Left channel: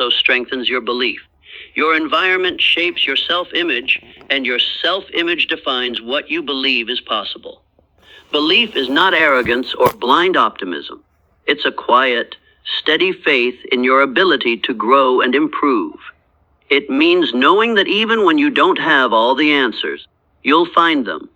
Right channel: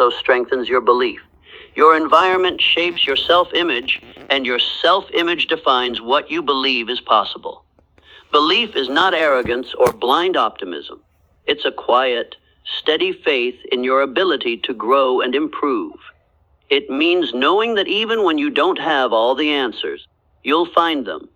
also strengthens your belief. Your environment shapes your self-image, and your self-image defines what you believe is possible. Belief is not arrogance or blind optimism. It's a quiet, steady faith in your ability to grow and improve. It means knowing that even when you don't have all the answers, you'll find them.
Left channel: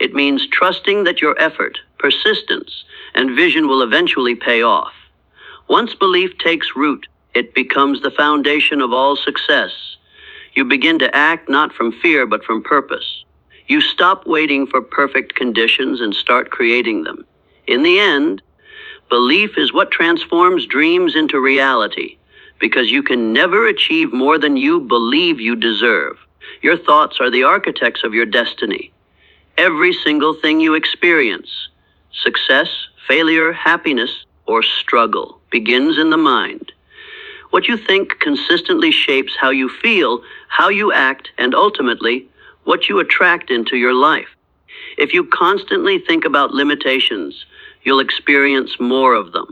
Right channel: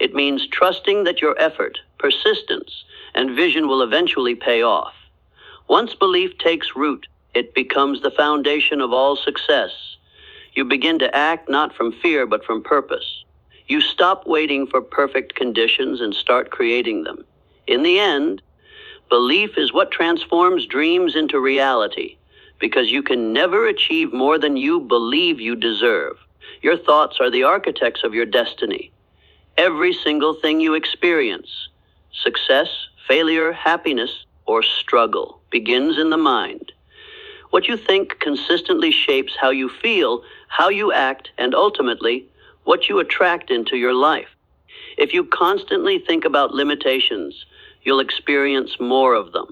It means trusting that your effort, persistence, and vision will eventually pay off. Once belief takes root, it becomes the foundation of all success. You begin to act not from fear but from purpose. You stop waiting for perfect conditions and start creating them. In the end, belief is what transforms dreams into reality, because you can never achieve more than you believe you deserve. Your thoughts are the architects of your destiny. Every single thing you experience, success, failure, happiness, or struggle, begins in the mind. What you think consistently shapes how you feel, how you act, and ultimately, what you attract into your life. If you constantly think about limitations, you'll experience more of them.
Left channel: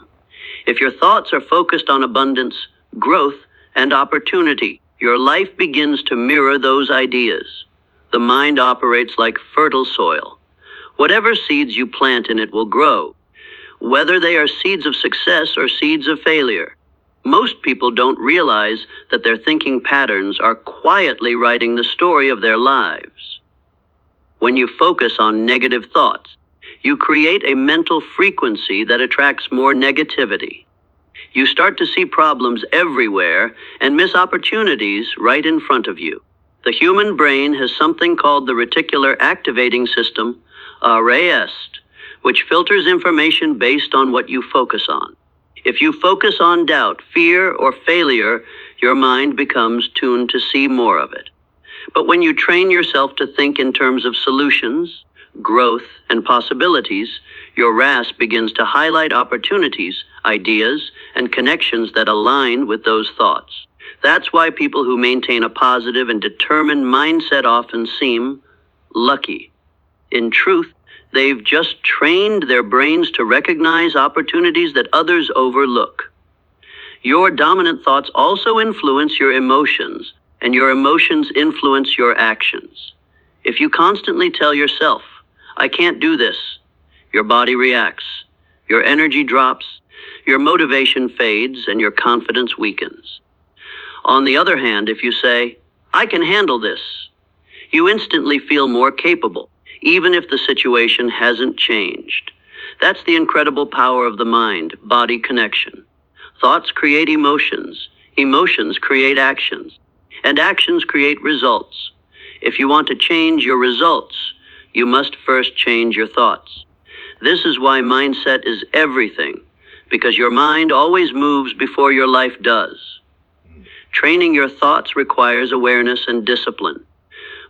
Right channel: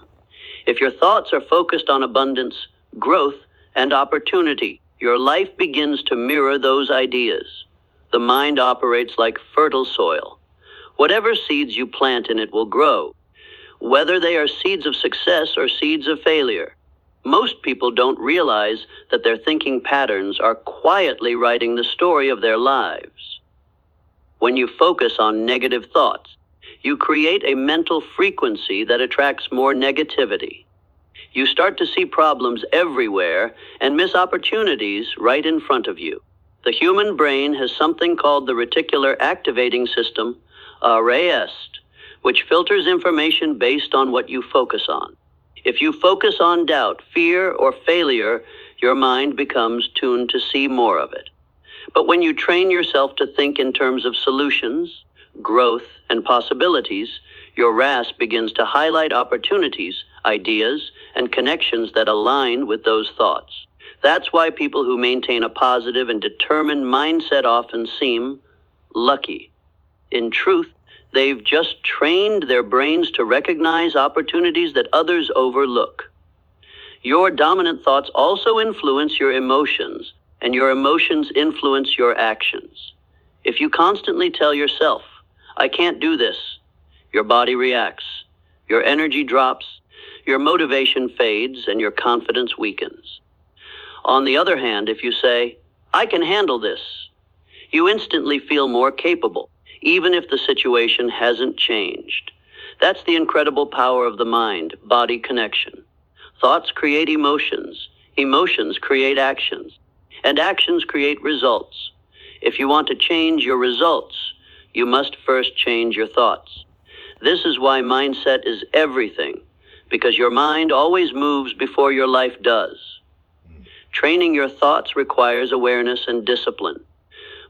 If your thoughts are focused on abundance, growth, and opportunity, your life begins to mirror those ideas. The mind operates like fertile soil. Whatever seeds you plant in it will grow, whether they are seeds of success or seeds of failure. Most people don't realize that their thinking patterns are quietly writing the story of their lives. When you focus on negative thoughts, you create a mental frequency that attracts more negativity. You start to see problems everywhere and miss opportunities right in front of you. The human brain has something called the reticular activating system, RAS, which filters information based on what you focus on. If you focus on doubt, fear, or failure, your mind becomes tuned to see more of it. But when you train yourself to think in terms of solutions, growth, and possibilities, your RAS begins to highlight opportunities, ideas, and connections that align with those thoughts. That's why people who maintain a positive and determined mindset often seem lucky. In truth, they've just trained their brains to recognize opportunities that others overlook. Your dominant thoughts also influence your emotions, and your emotions influence your actions. If you constantly tell yourself, "I can't do this," your body reacts, your energy drops, your motivation fades, and your confidence weakens. On the other hand, if you say, "I can handle this," you instantly feel more capable, even if the situation hasn't changed. That's the incredible power of the mind-body connection. Thoughts create emotions, emotions create actions, and actions create results. If you want to change your results, you must first change your thoughts. This is why mindset is everything, because your mind always moves before your life does. Training your thoughts requires awareness and discipline.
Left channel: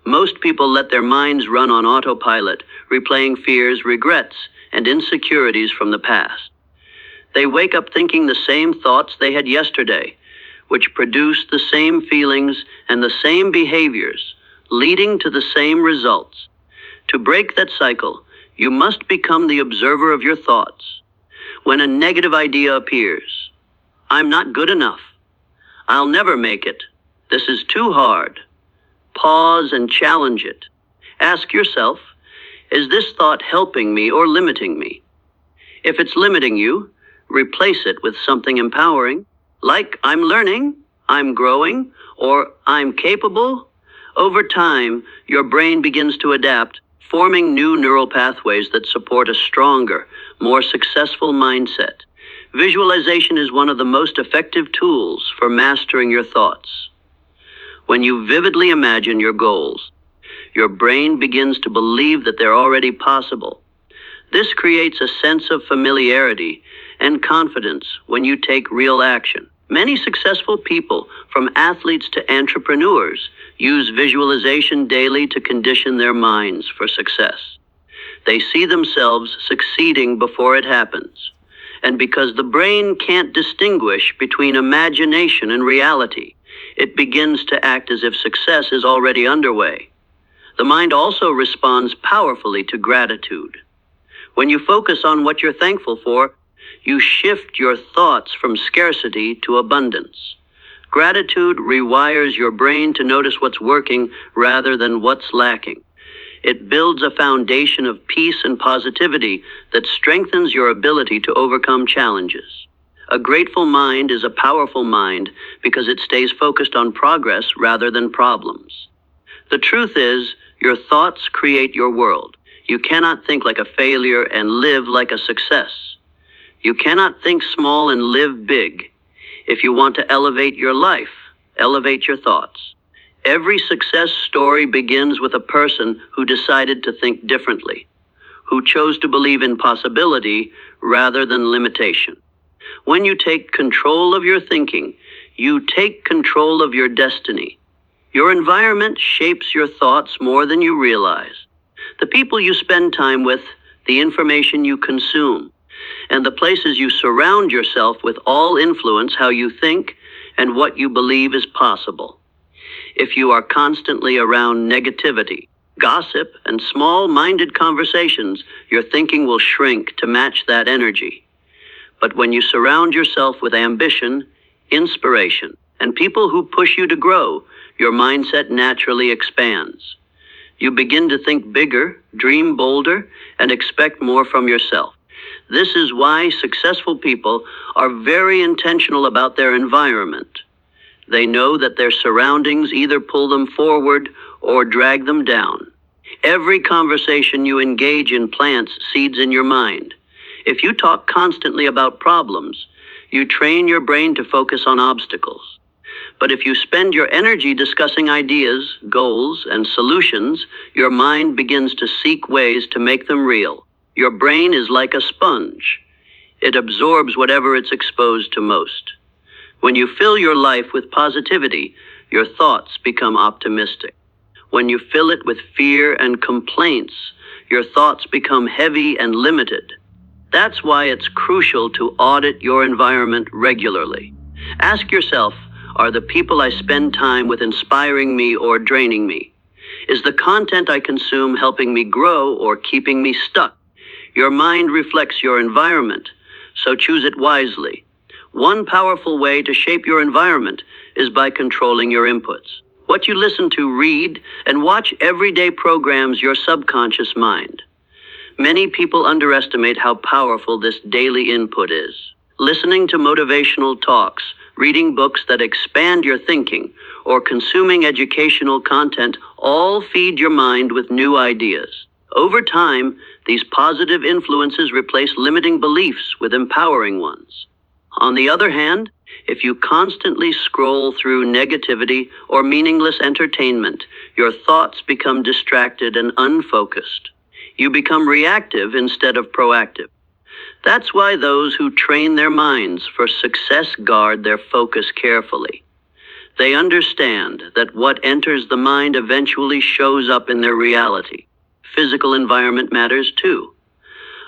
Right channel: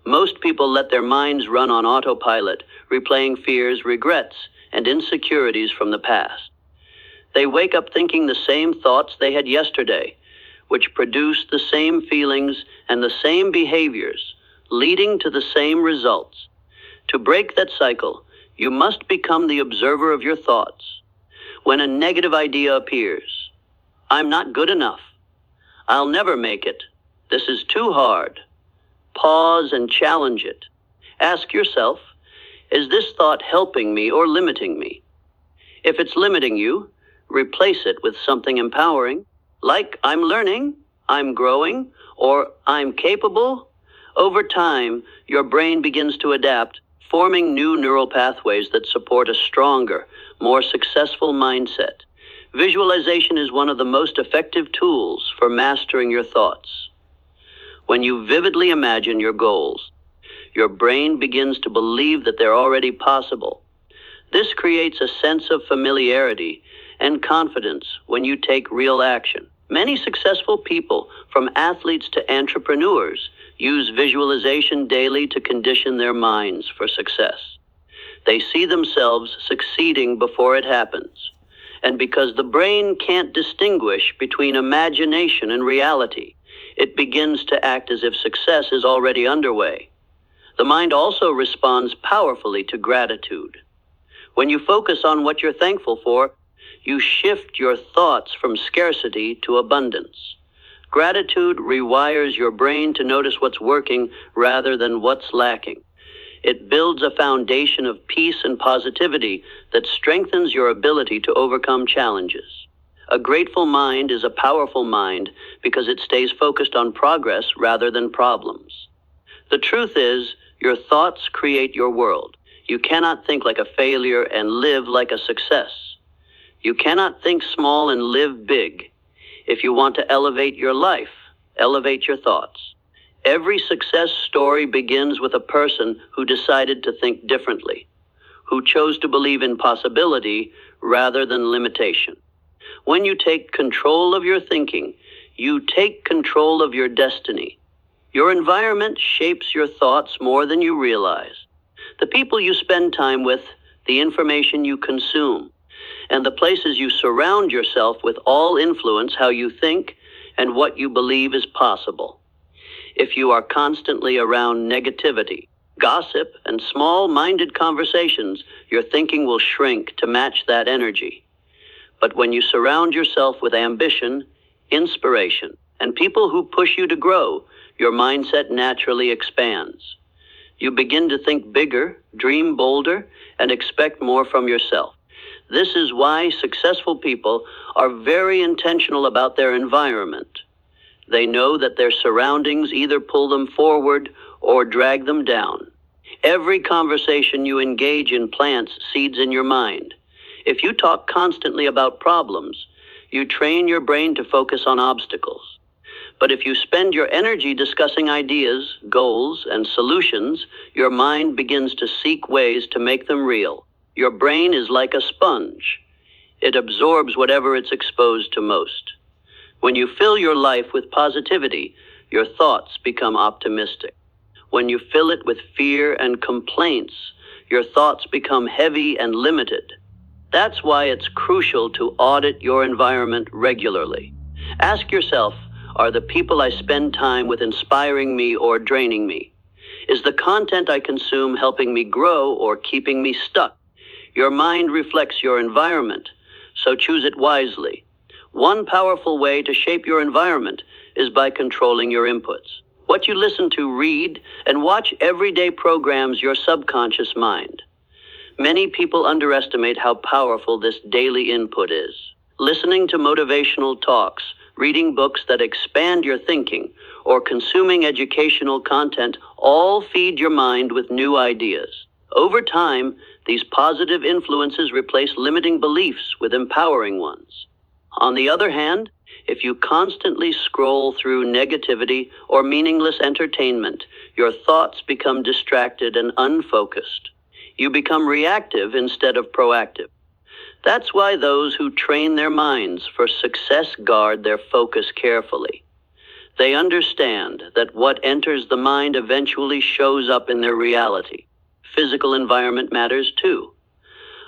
Most people let their minds run on autopilot, replaying fears, regrets, and insecurities from the past. They wake up thinking the same thoughts they had yesterday, which produce the same feelings and the same behaviors, leading to the same results. To break that cycle, you must become the observer of your thoughts. When a negative idea appears, "I'm not good enough," "I'll never make it," "This is too hard," pause and challenge it. Ask yourself, is this thought helping me or limiting me? If it's limiting you, replace it with something empowering, like "I'm learning," "I'm growing," or "I'm capable." Over time, your brain begins to adapt, forming new neural pathways that support a stronger, more successful mindset. Visualization is one of the most effective tools for mastering your thoughts. When you vividly imagine your goals, your brain begins to believe that they're already possible. This creates a sense of familiarity and confidence when you take real action. Many successful people, from athletes to entrepreneurs, use visualization daily to condition their minds for success. They see themselves succeeding before it happens. And because the brain can't distinguish between imagination and reality, it begins to act as if success is already underway. The mind also responds powerfully to gratitude. When you focus on what you're thankful for, you shift your thoughts from scarcity to abundance. Gratitude rewires your brain to notice what's working rather than what's lacking. It builds a foundation of peace and positivity that strengthens your ability to overcome challenges. A grateful mind is a powerful mind because it stays focused on progress rather than problems. The truth is, your thoughts create your world. You cannot think like a failure and live like a success. You cannot think small and live big. If you want to elevate your life, elevate your thoughts. Every success story begins with a person who decided to think differently, who chose to believe in possibility rather than limitation. When you take control of your thinking, you take control of your destiny. Your environment shapes your thoughts more than you realize. The people you spend time with, the information you consume, and the places you surround yourself with all influence how you think and what you believe is possible. If you are constantly around negativity, gossip, and small-minded conversations, your thinking will shrink to match that energy. But when you surround yourself with ambition, inspiration, and people who push you to grow, your mindset naturally expands. You begin to think bigger, dream bolder, and expect more from yourself. This is why successful people are very intentional about their environment. They know that their surroundings either pull them forward or drag them down. Every conversation you engage in plants seeds in your mind. If you talk constantly about problems, you train your brain to focus on obstacles. But if you spend your energy discussing ideas, goals, and solutions, your mind begins to seek ways to make them real. Your brain is like a sponge. It absorbs whatever it's exposed to most. When you fill your life with positivity, your thoughts become optimistic. When you fill it with fear and complaints, your thoughts become heavy and limited. That's why it's crucial to audit your environment regularly. Ask yourself, are the people I spend time with inspiring me or draining me? Is the content I consume helping me grow or keeping me stuck? Your mind reflects your environment, so choose it wisely. One powerful way to shape your environment is by controlling your inputs. What you listen to, read, and watch everyday programs your subconscious mind. Many people underestimate how powerful this daily input is. Listening to motivational talks, reading books that expand your thinking, or consuming educational content all feed your mind with new ideas. Over time, these positive influences replace limiting beliefs with empowering ones. On the other hand, if you constantly scroll through negativity or meaningless entertainment, your thoughts become distracted and unfocused. You become reactive instead of proactive. That's why those who train their minds for success guard their focus carefully. They understand that what enters the mind eventually shows up in their reality. Physical environment matters too.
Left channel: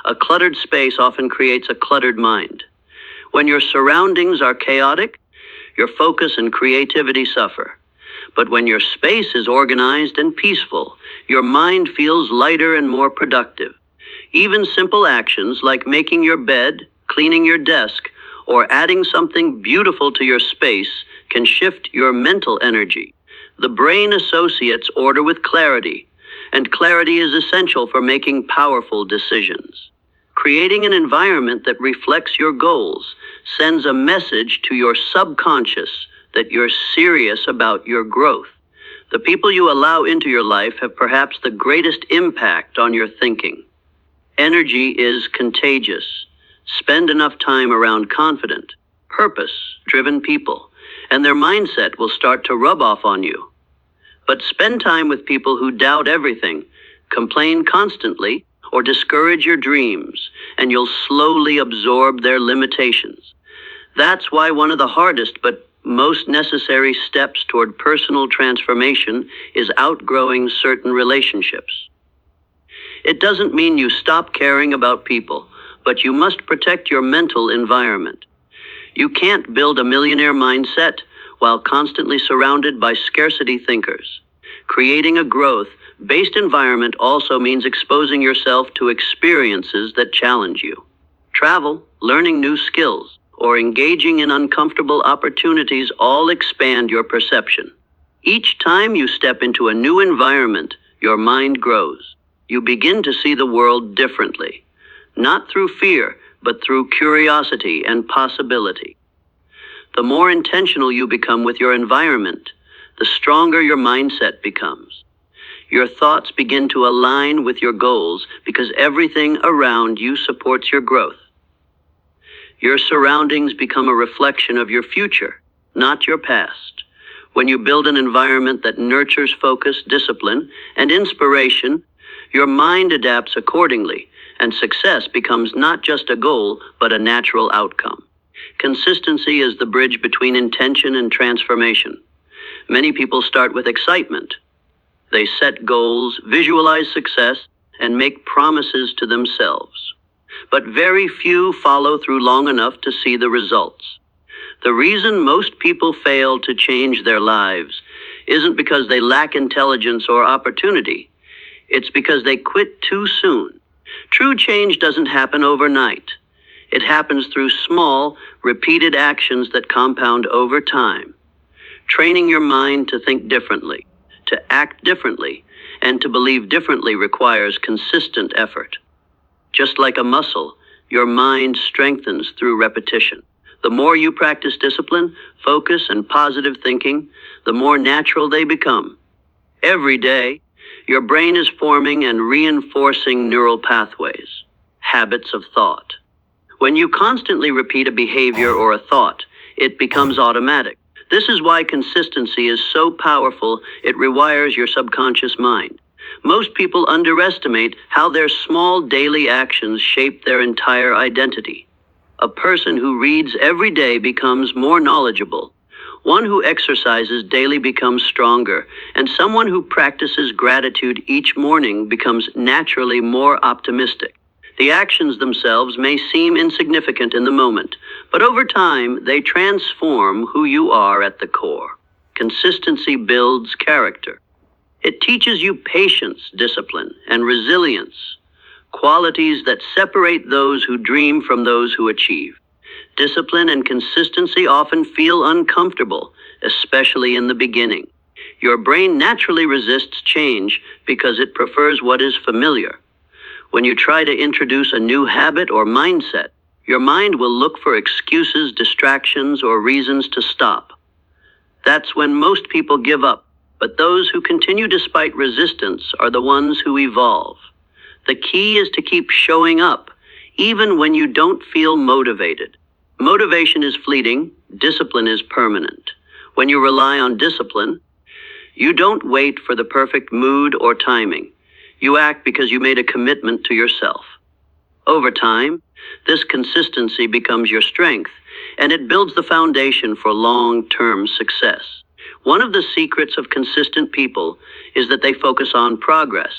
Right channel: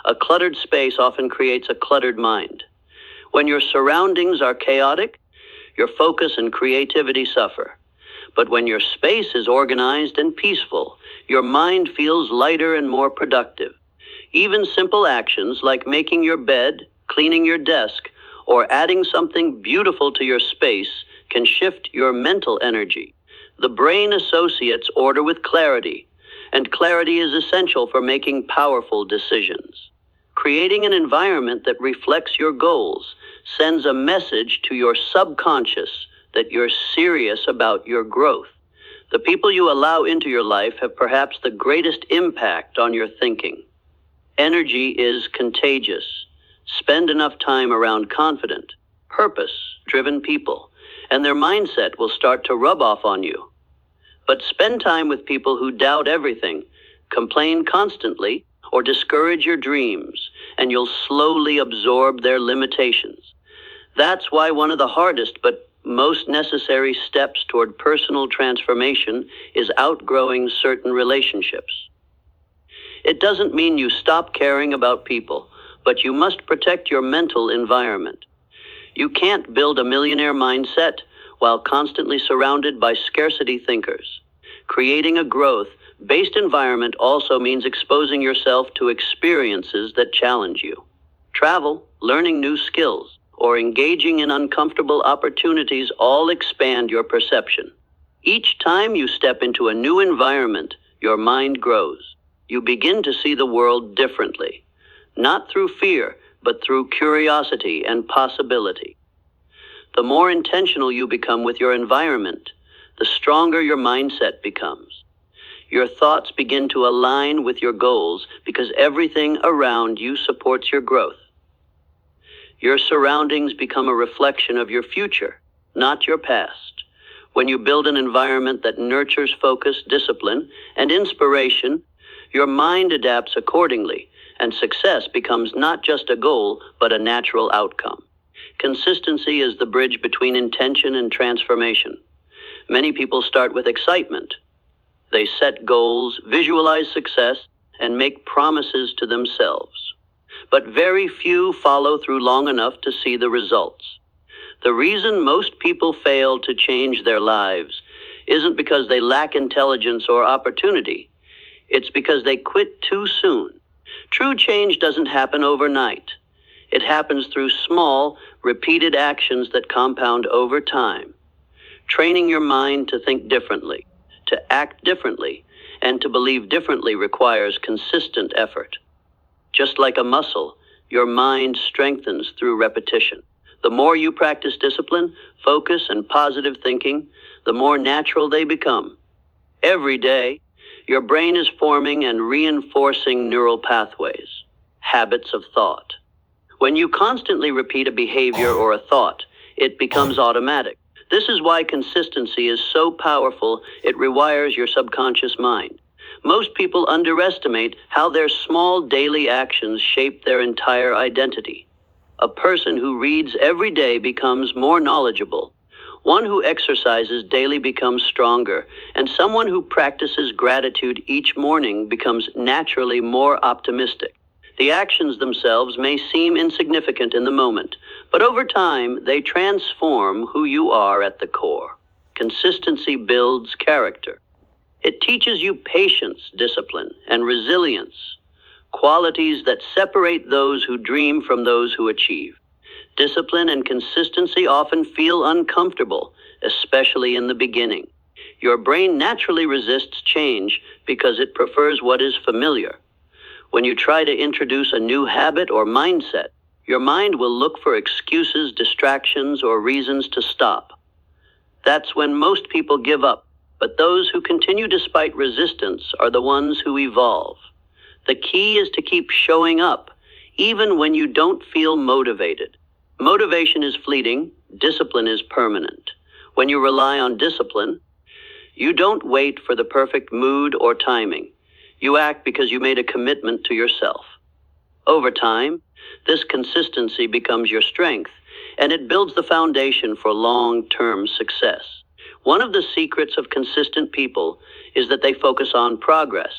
A cluttered space often creates a cluttered mind. When your surroundings are chaotic, your focus and creativity suffer. But when your space is organized and peaceful, your mind feels lighter and more productive. Even simple actions like making your bed, cleaning your desk, or adding something beautiful to your space can shift your mental energy. The brain associates order with clarity, and clarity is essential for making powerful decisions. Creating an environment that reflects your goals sends a message to your subconscious that you're serious about your growth. The people you allow into your life have perhaps the greatest impact on your thinking. Energy is contagious. Spend enough time around confident, purpose-driven people, and their mindset will start to rub off on you. But spend time with people who doubt everything, complain constantly, or discourage your dreams, and you'll slowly absorb their limitations. That's why one of the hardest but most necessary steps toward personal transformation is outgrowing certain relationships. It doesn't mean you stop caring about people, but you must protect your mental environment. You can't build a millionaire mindset while constantly surrounded by scarcity thinkers. Creating a growth-based environment also means exposing yourself to experiences that challenge you. Travel, learning new skills, or engaging in uncomfortable opportunities all expand your perception. Each time you step into a new environment, your mind grows. You begin to see the world differently, not through fear, but through curiosity and possibility. The more intentional you become with your environment, the stronger your mindset becomes. Your thoughts begin to align with your goals because everything around you supports your growth. Your surroundings become a reflection of your future, not your past. When you build an environment that nurtures focus, discipline, and inspiration, your mind adapts accordingly, and success becomes not just a goal, but a natural outcome. Consistency is the bridge between intention and transformation. Many people start with excitement. They set goals, visualize success, and make promises to themselves. But very few follow through long enough to see the results. The reason most people fail to change their lives isn't because they lack intelligence or opportunity. It's because they quit too soon. True change doesn't happen overnight. It happens through small, repeated actions that compound over time. Training your mind to think differently, to act differently, and to believe differently requires consistent effort. Just like a muscle, your mind strengthens through repetition. The more you practice discipline, focus, and positive thinking, the more natural they become. Every day, your brain is forming and reinforcing neural pathways, habits of thought. When you constantly repeat a behavior or a thought, it becomes automatic. This is why consistency is so powerful, it rewires your subconscious mind. Most people underestimate how their small daily actions shape their entire identity. A person who reads every day becomes more knowledgeable. One who exercises daily becomes stronger, and someone who practices gratitude each morning becomes naturally more optimistic. The actions themselves may seem insignificant in the moment, but over time, they transform who you are at the core. Consistency builds character. It teaches you patience, discipline, and resilience, qualities that separate those who dream from those who achieve. Discipline and consistency often feel uncomfortable, especially in the beginning. Your brain naturally resists change because it prefers what is familiar. When you try to introduce a new habit or mindset, your mind will look for excuses, distractions, or reasons to stop. That's when most people give up, but those who continue despite resistance are the ones who evolve. The key is to keep showing up, even when you don't feel motivated. Motivation is fleeting, discipline is permanent. When you rely on discipline, you don't wait for the perfect mood or timing. You act because you made a commitment to yourself. Over time, this consistency becomes your strength, and it builds the foundation for long-term success. One of the secrets of consistent people is that they focus on progress,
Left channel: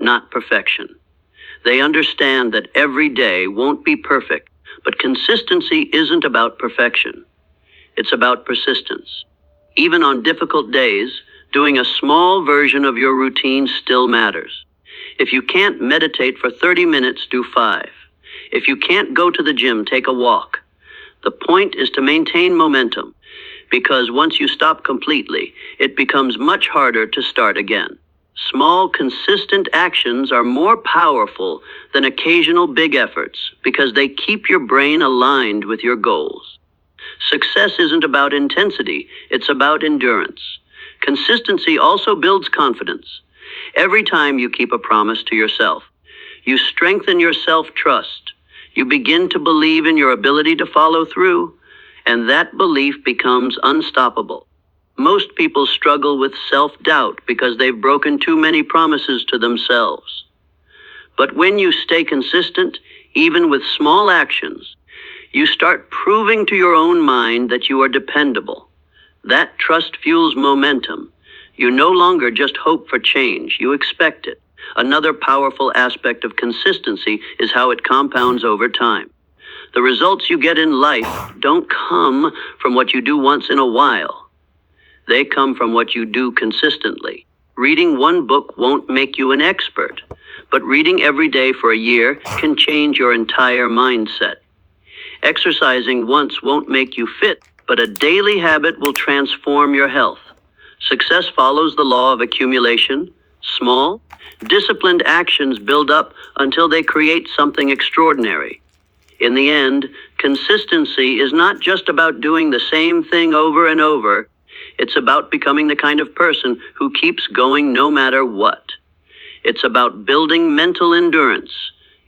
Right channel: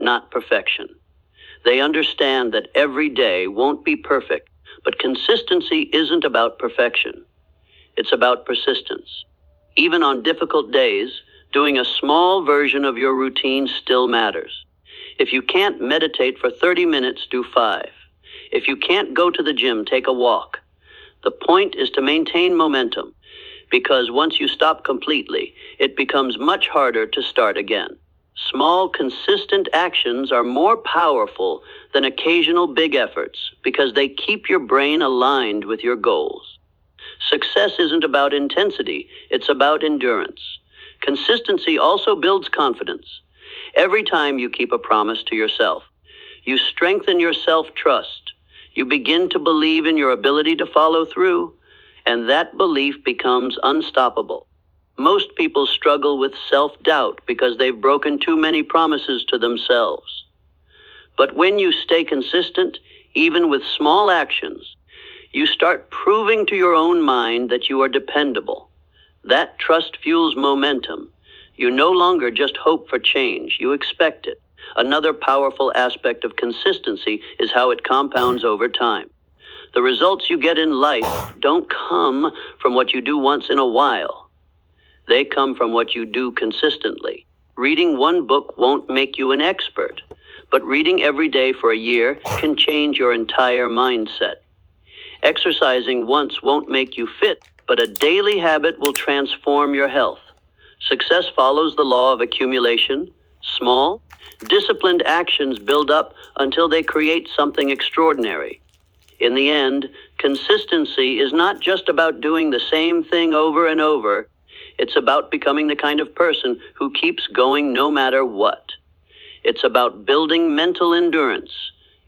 not perfection. They understand that every day won't be perfect, but consistency isn't about perfection. It's about persistence. Even on difficult days, doing a small version of your routine still matters. If you can't meditate for 30 minutes, do 5. If you can't go to the gym, take a walk. The point is to maintain momentum, because once you stop completely, it becomes much harder to start again. Small, consistent actions are more powerful than occasional big efforts because they keep your brain aligned with your goals. Success isn't about intensity, it's about endurance. Consistency also builds confidence. Every time you keep a promise to yourself, you strengthen your self-trust. You begin to believe in your ability to follow through, and that belief becomes unstoppable. Most people struggle with self-doubt because they've broken too many promises to themselves. But when you stay consistent, even with small actions, you start proving to your own mind that you are dependable. That trust fuels momentum. You no longer just hope for change, you expect it. Another powerful aspect of consistency is how it compounds over time. The results you get in life don't come from what you do once in a while. They come from what you do consistently. Reading one book won't make you an expert, but reading every day for a year can change your entire mindset. Exercising once won't make you fit, but a daily habit will transform your health. Success follows the law of accumulation. Small, disciplined actions build up until they create something extraordinary. In the end, consistency is not just about doing the same thing over and over. It's about becoming the kind of person who keeps going no matter what. It's about building mental endurance,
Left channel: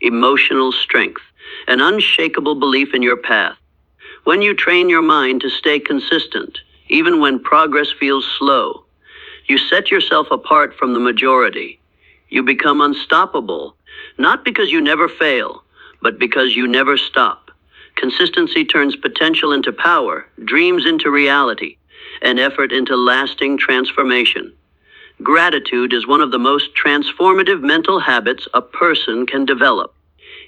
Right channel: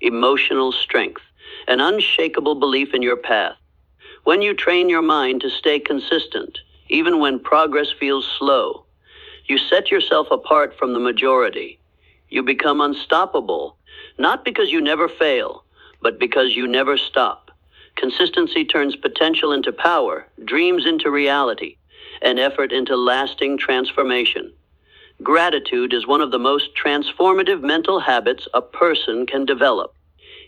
emotional strength, an unshakable belief in your path. When you train your mind to stay consistent, even when progress feels slow, you set yourself apart from the majority. You become unstoppable, not because you never fail, but because you never stop. Consistency turns potential into power, dreams into reality, and effort into lasting transformation. Gratitude is one of the most transformative mental habits a person can develop.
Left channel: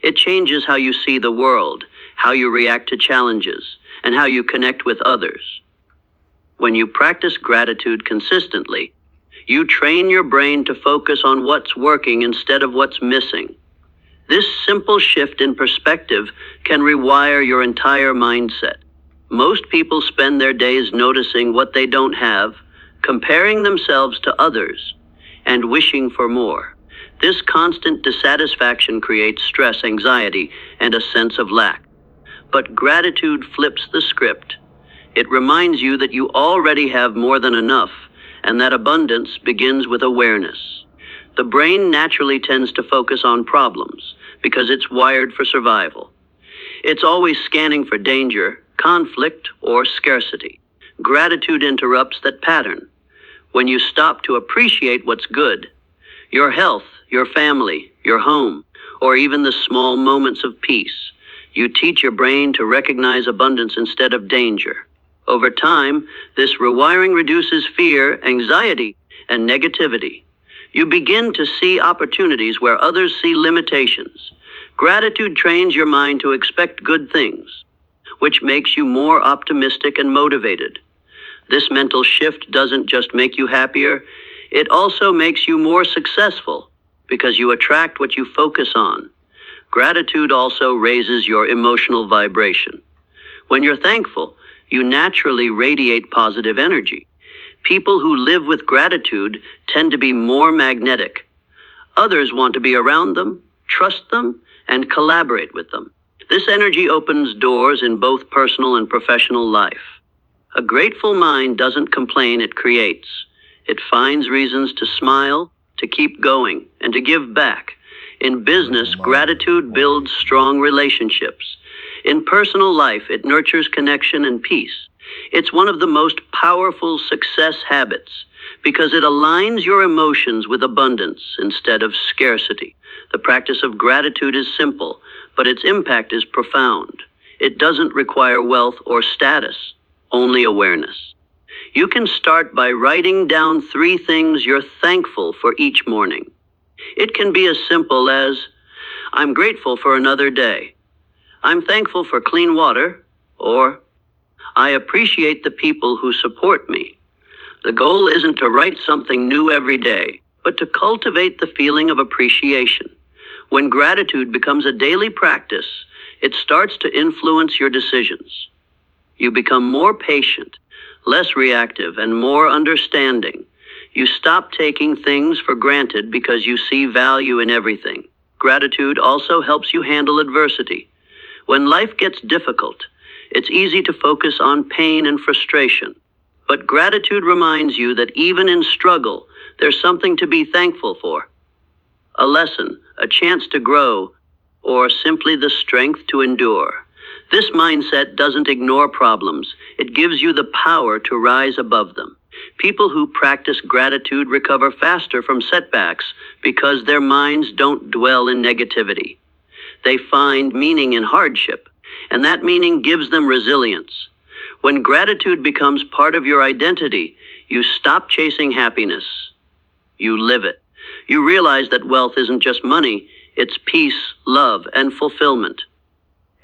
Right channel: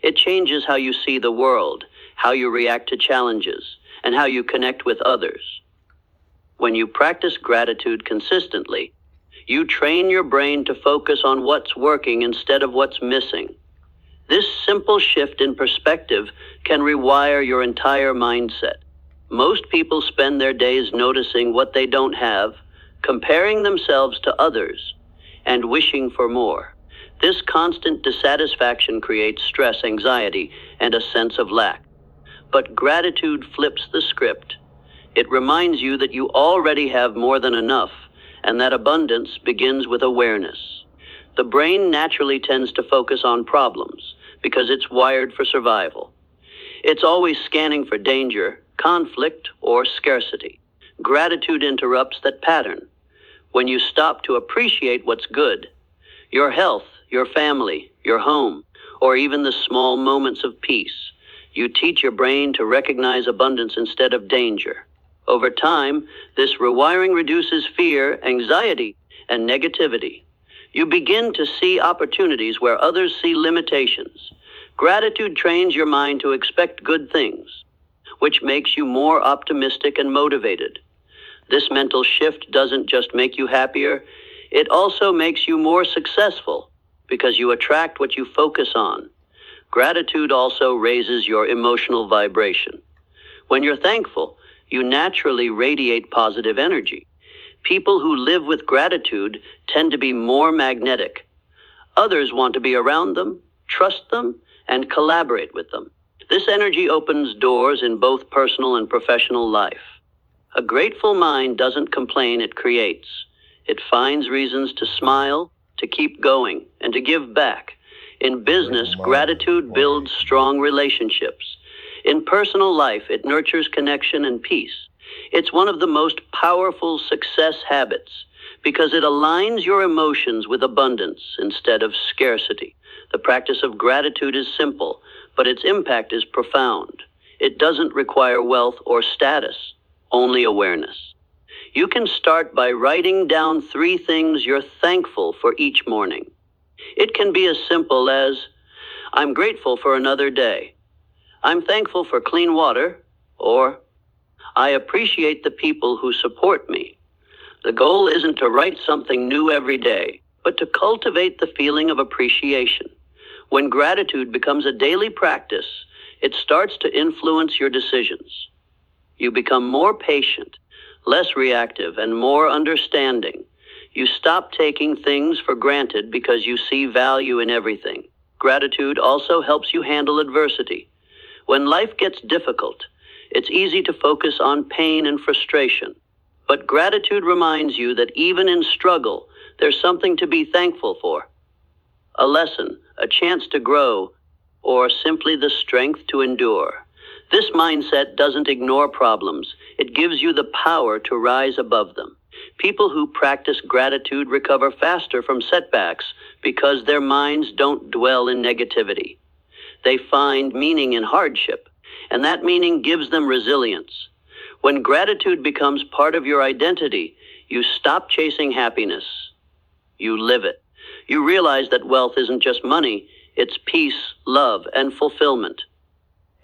It changes how you see the world, how you react to challenges, and how you connect with others. When you practice gratitude consistently, you train your brain to focus on what's working instead of what's missing. This simple shift in perspective can rewire your entire mindset. Most people spend their days noticing what they don't have, comparing themselves to others, and wishing for more. This constant dissatisfaction creates stress, anxiety, and a sense of lack. But gratitude flips the script. It reminds you that you already have more than enough, and that abundance begins with awareness. The brain naturally tends to focus on problems because it's wired for survival. It's always scanning for danger, conflict, or scarcity. Gratitude interrupts that pattern. When you stop to appreciate what's good, your health, your family, your home, or even the small moments of peace, you teach your brain to recognize abundance instead of danger. Over time, this rewiring reduces fear, anxiety, and negativity. You begin to see opportunities where others see limitations. Gratitude trains your mind to expect good things, which makes you more optimistic and motivated. This mental shift doesn't just make you happier, it also makes you more successful because you attract what you focus on. Gratitude also raises your emotional vibration. When you're thankful, you naturally radiate positive energy. People who live with gratitude tend to be more magnetic. Others want to be around them, trust them, and collaborate with them. This energy opens doors in both personal and professional life. A grateful mind doesn't complain, it creates. It finds reasons to smile, to keep going, and to give back. In business, gratitude builds strong relationships. In personal life, it nurtures connection and peace. It's one of the most powerful success habits because it aligns your emotions with abundance instead of scarcity. The practice of gratitude is simple, but its impact is profound. It doesn't require wealth or status, only awareness. You can start by writing down 3 things you're thankful for each morning. It can be as simple as, I'm grateful for another day. I'm thankful for clean water, or I appreciate the people who support me. The goal isn't to write something new every day, but to cultivate the feeling of appreciation. When gratitude becomes a daily practice, it starts to influence your decisions. You become more patient, less reactive, and more understanding. You stop taking things for granted because you see value in everything. Gratitude also helps you handle adversity. When life gets difficult, it's easy to focus on pain and frustration. But gratitude reminds you that even in struggle, there's something to be thankful for. A lesson, a chance to grow, or simply the strength to endure. This mindset doesn't ignore problems. It gives you the power to rise above them. People who practice gratitude recover faster from setbacks because their minds don't dwell in negativity. They find meaning in hardship, and that meaning gives them resilience. When gratitude becomes part of your identity, you stop chasing happiness. You live it. You realize that wealth isn't just money, it's peace, love, and fulfillment.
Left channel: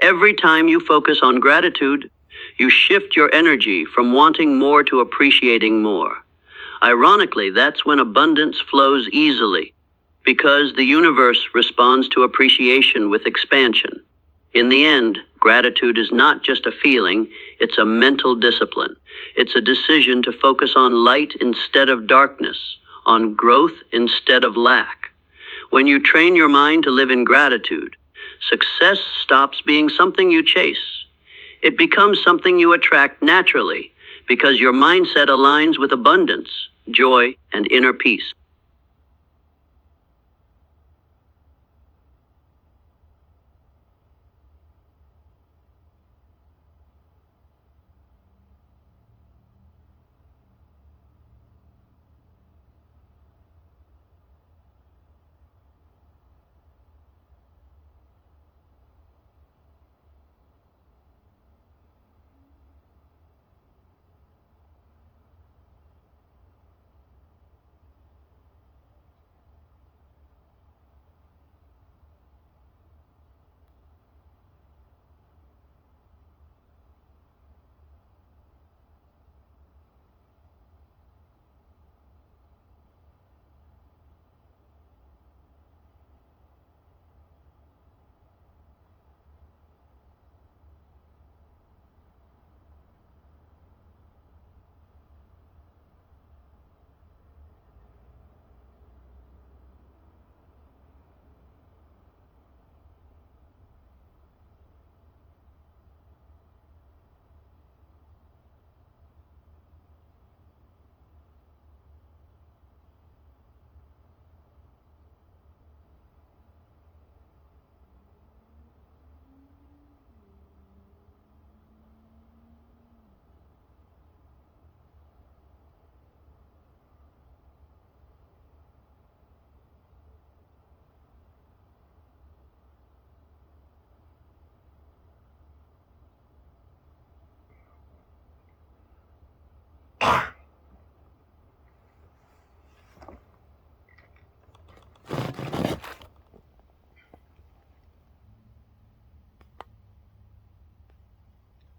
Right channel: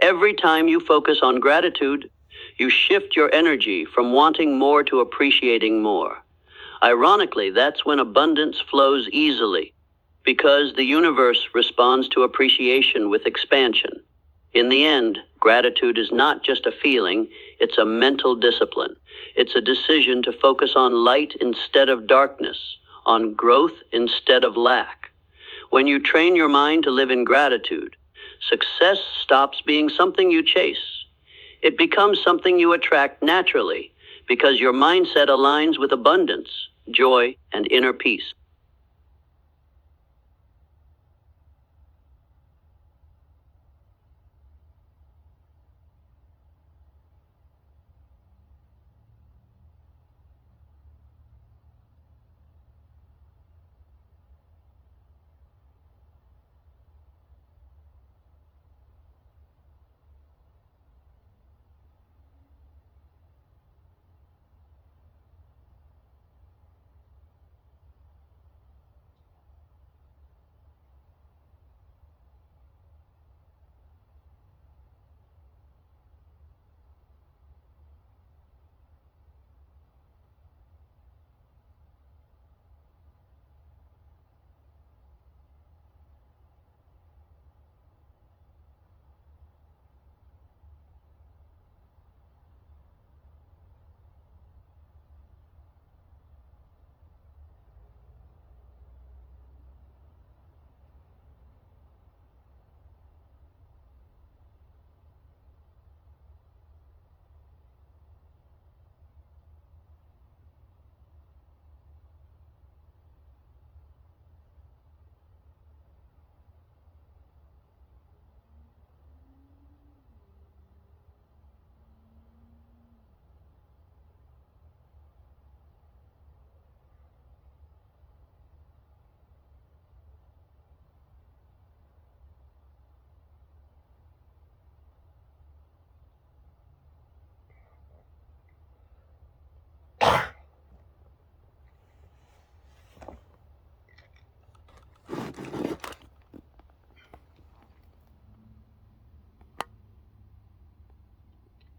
Every time you focus on gratitude, you shift your energy from wanting more to appreciating more. Ironically, that's when abundance flows easily, because the universe responds to appreciation with expansion. In the end, Gratitude is not just a feeling, it's a mental discipline. It's a decision to focus on light instead of darkness, on growth instead of lack. When you train your mind to live in gratitude, success stops being something you chase. It becomes something you attract naturally because your mindset aligns with abundance, joy, and inner peace.